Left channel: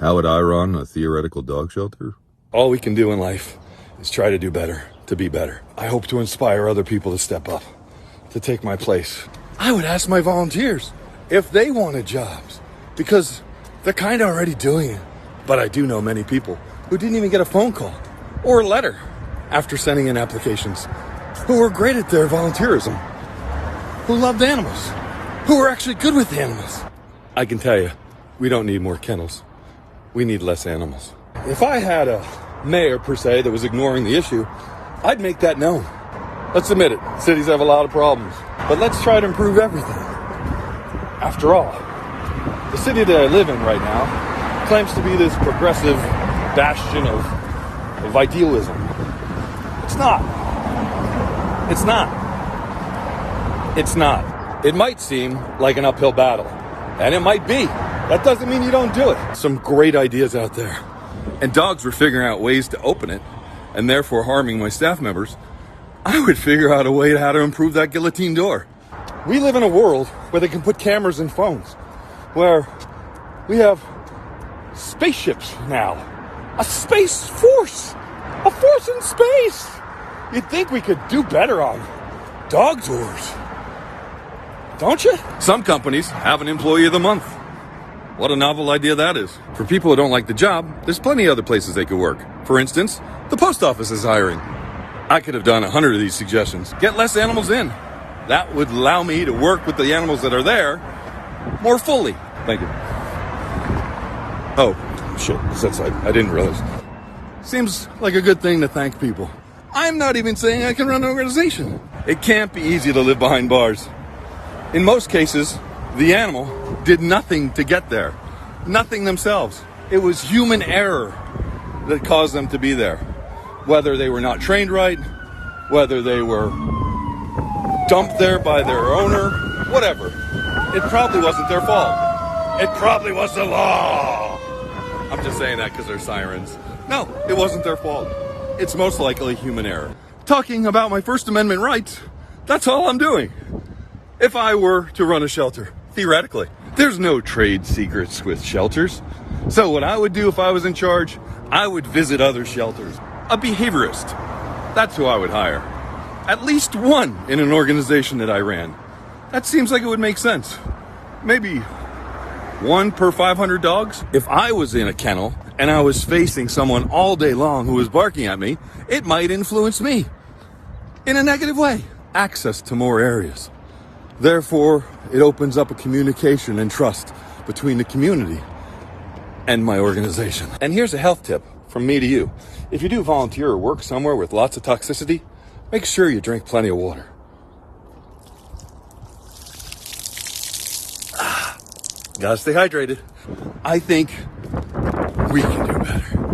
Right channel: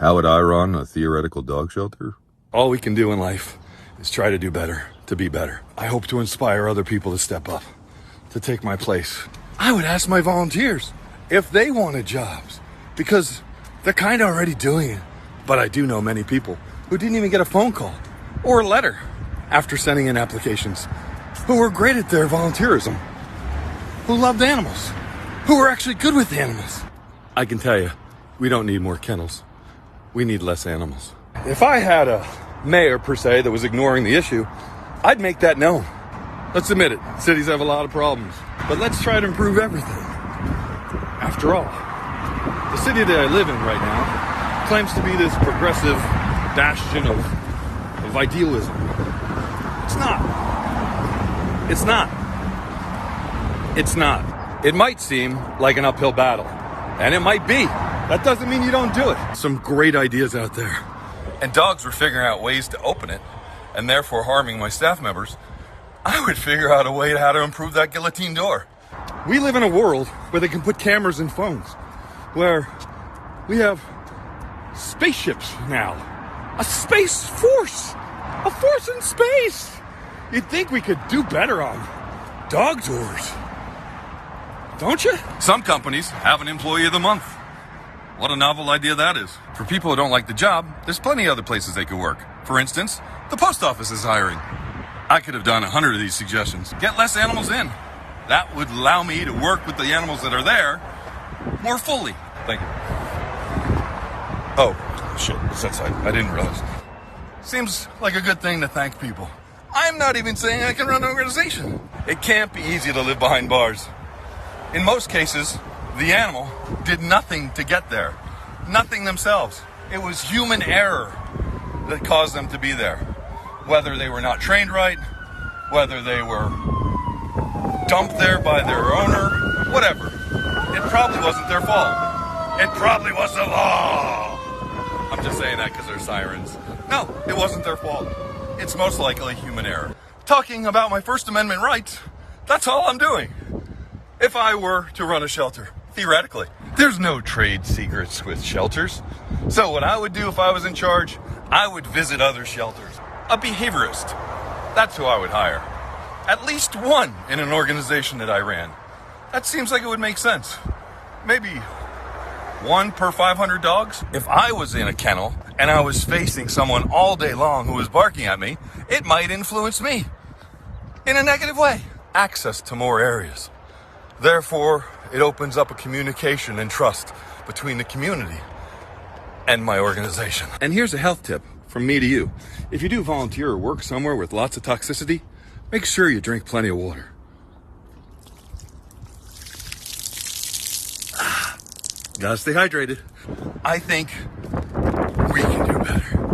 How would I run a theoretical dog shelter? All we can do in life is try to do better, to be better. I hope to inspire other people to step up, to take my place. I would ask my volunteers if they wanted jobs, because they're kind of already doing it. But I do know many people who didn't even get a phone call or a letter after sending in applications, who were great at their volunteerism, who loved animals, who were actually good with animals. I can tell you, we don't need more kennels. We need less animals. If I had a mayor, per se, that was ignoring the issue, I'd make that known. Let's admit it, cities have a lot of problems, but let's try to improve everything. After all, the city that I live in right now claims to be this progressive bastion of idealism. It's not. It's not. It's not. It might seem like an uphill battle, and it might be. That doesn't mean you don't do it. Some great ideas out there. And dogs were figuring out ways to open it, and therefore harming my staff members. I would figure out a way how to improve that guillotine door. We live in a world where they can put cameras in phones, where we have spaceships now. A space force! A force in space! You'd think we could do better on dog doors. Don't you? Some companies have an employee of the month. What a novel idea that is. For people who don't like the job, there's plenty of other places they could work. For instance, the post office is hiring. I could have done 100 of these suggestions. Get less animals in. That would allow me to work with the animals that are there more fully. Thank you. Oh, sure. So sorry. I didn't realize. Seems like a good thing to thank people. I'm not even saying I can run an organization. It can't be easy to live behind bars. In most cases, the animal did nothing to get there. Nothing themselves. It was human error that caused them to be there. Whether they were not trained right, whether they were dumped there by their owner, whatever. It probably wasn't their fault. It probably was the law. I'm just saying that because they're sirens. No, it wasn't their fault. It's most likely human error. Talking about my First Amendment rights, that's all I'm doing. If I were to run a shelter, theoretically, there's no trade secrets with shelters. So what I would do if I was in charge, I would visit other shelters. A behaviorist. That's who I would hire. At least one in an organization that I ran. That seems like it would make sense. Maybe one per 500 dogs. If I was in a kennel and I was facing someone all day long who was barking at me, it might influence me in a negative way. Access to more areas. Therefore, it opens up a communication and trust between the community and my organization. And here's a health tip from me to you. If you do volunteer or work somewhere with lots of toxicity, make sure you drink plenty of water. Gotta stay hydrated. I think we can do better.